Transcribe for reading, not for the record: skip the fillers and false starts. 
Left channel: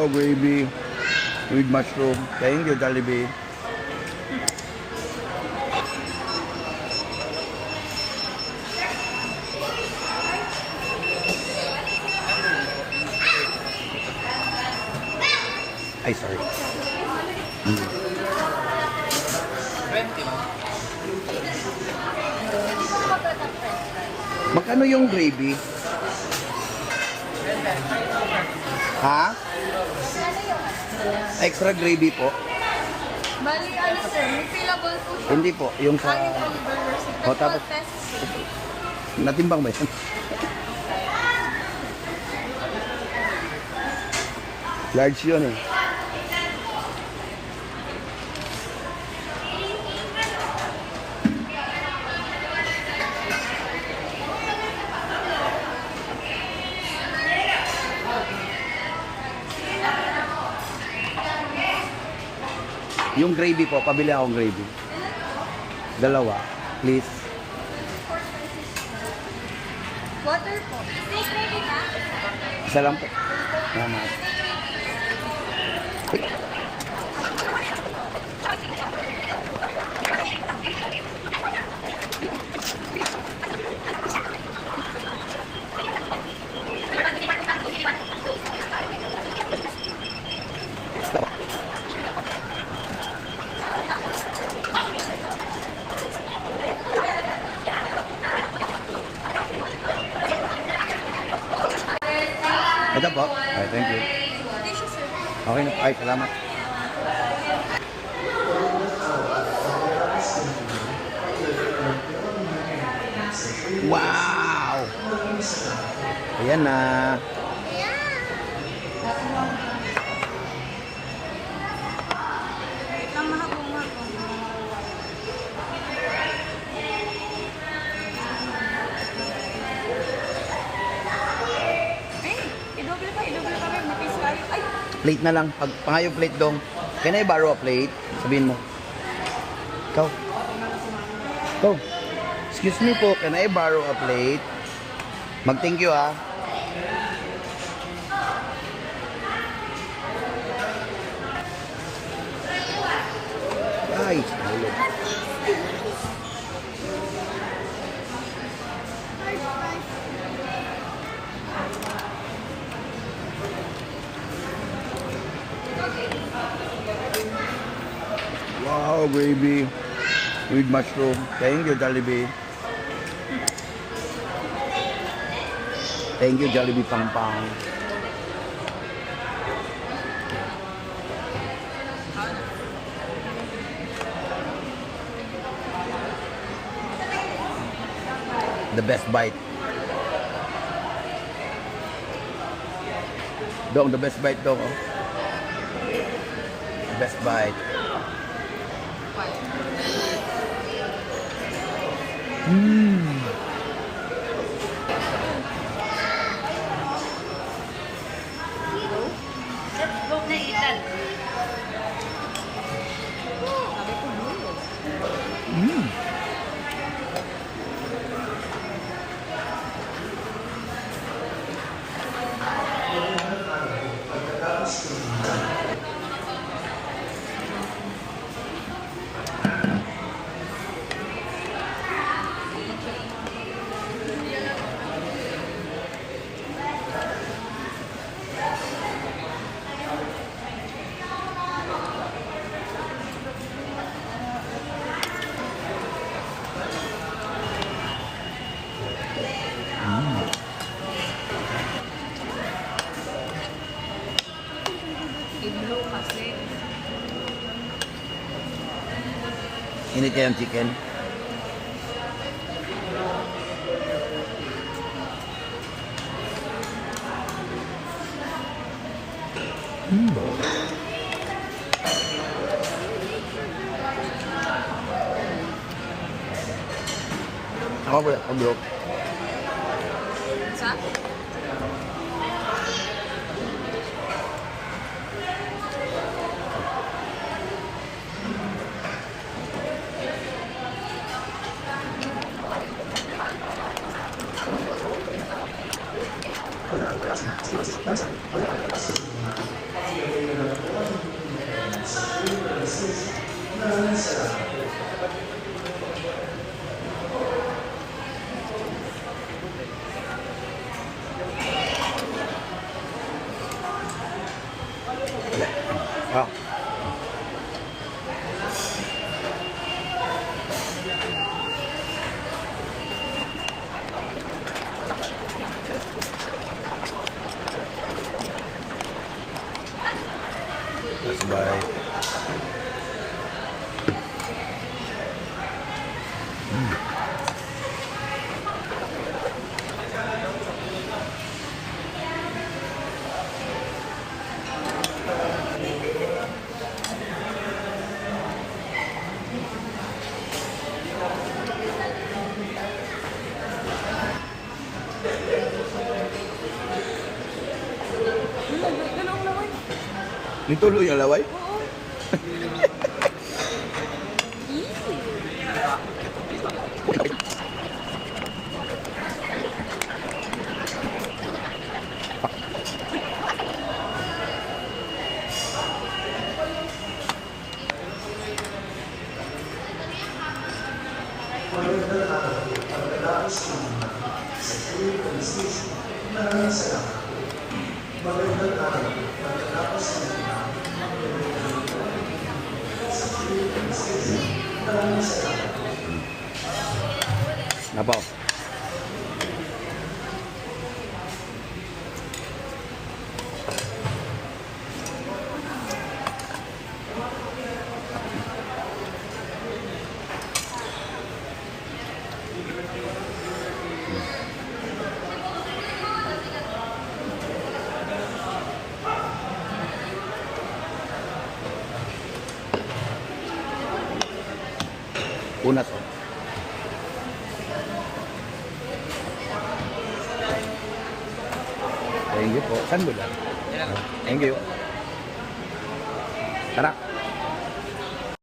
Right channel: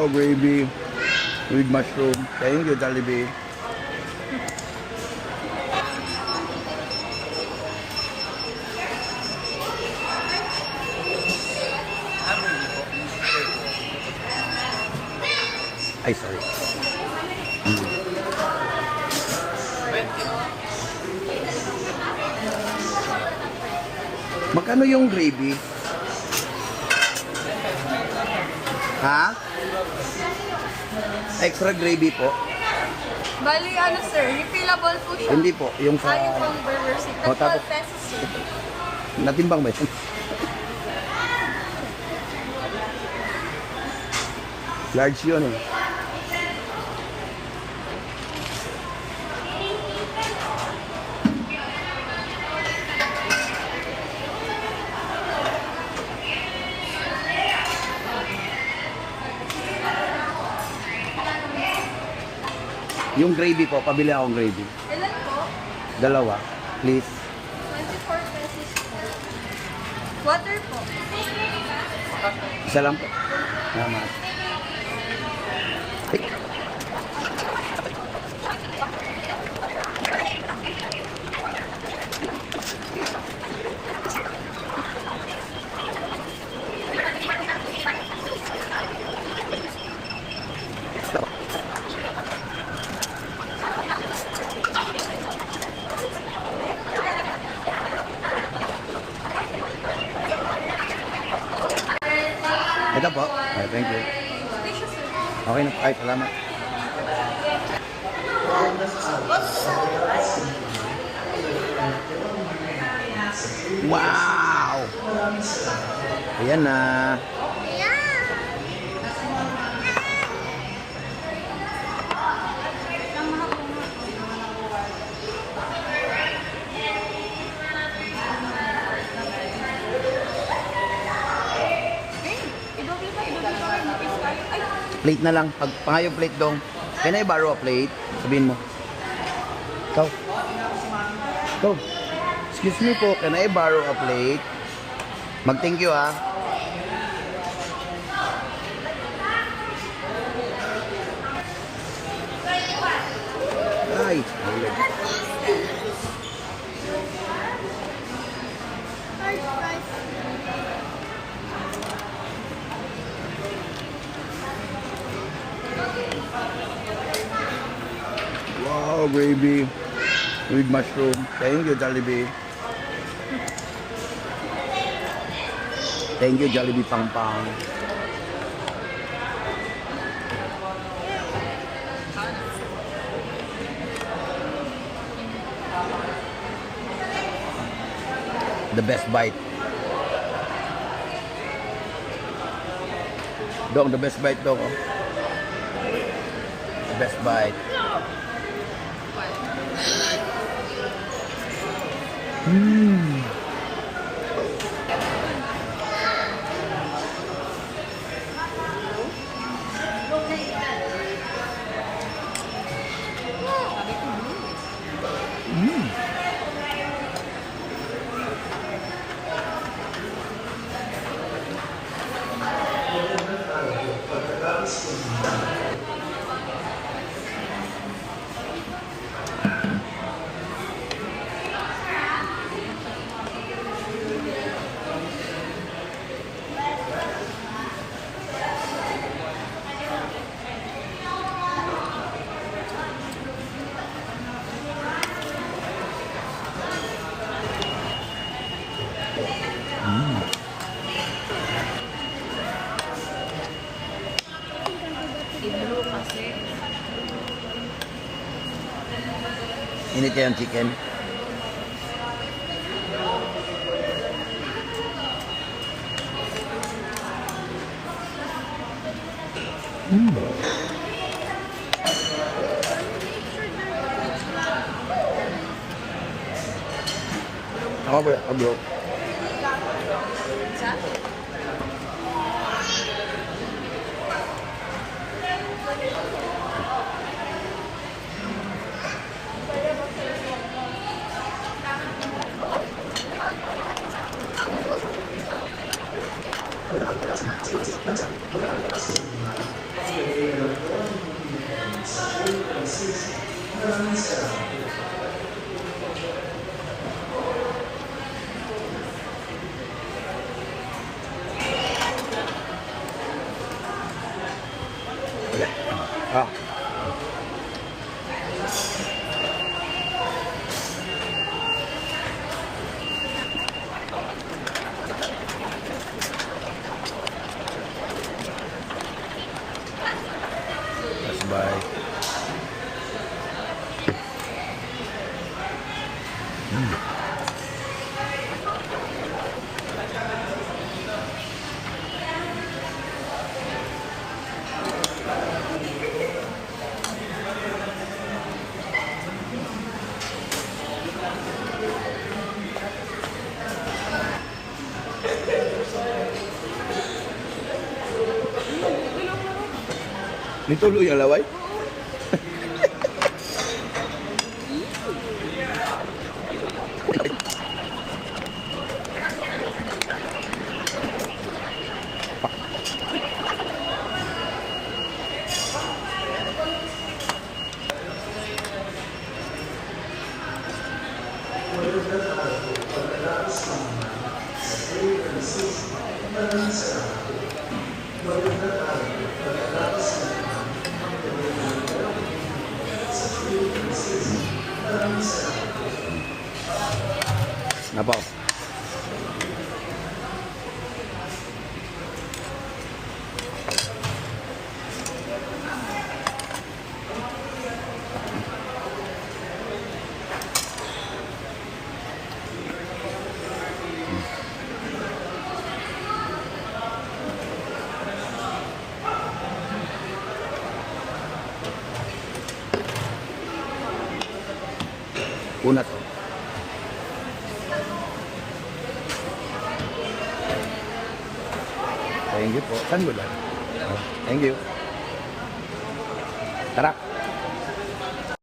Wow, gravy with mushroom. Thank you, Jollibee. Ay, sorry. Magkano yung gravy? Ha? Extra gravy po? Bali, ano sir, refillable po siya. Hindi po, yung sa... Kaya pang burger sir. O, tapos... 12 pesos sir. Natimbang ba yan? Large yun eh. Yung gravy po, pabili akong gravy. Ilan po? Dalawa, please. 24 pesos po. Water po. Isa lang po. Salamat. Ay. Ito po. Ay, thank you. Okay na po. Ay, salamat. Wow! Ayan na. I-double ka rin. Mapis tayo. Ay! Plate na lang. Pag pangayong plate dong. Can I borrow a plate? Sabihin mo. Ikaw. Ikaw. Excuse me po. Can I borrow a plate? Mag-thank you ah. Ay. Mahulog. Wow, gravy with mushroom. Thank you, Jollibee. Thank you, Jollibee Pangpang. The best bite. Dong, the best bite dong. Oh. The best bite. Mmm. Mmm. I-blue kasi. Init kaya yung chicken. Ako ba? Ako. Sa? Wala. Ah. Sabay. Dalawang naman. Nituloy ang laway? Napaw. Una to. Thank you po. Saan mo lang? Thank you. Tara.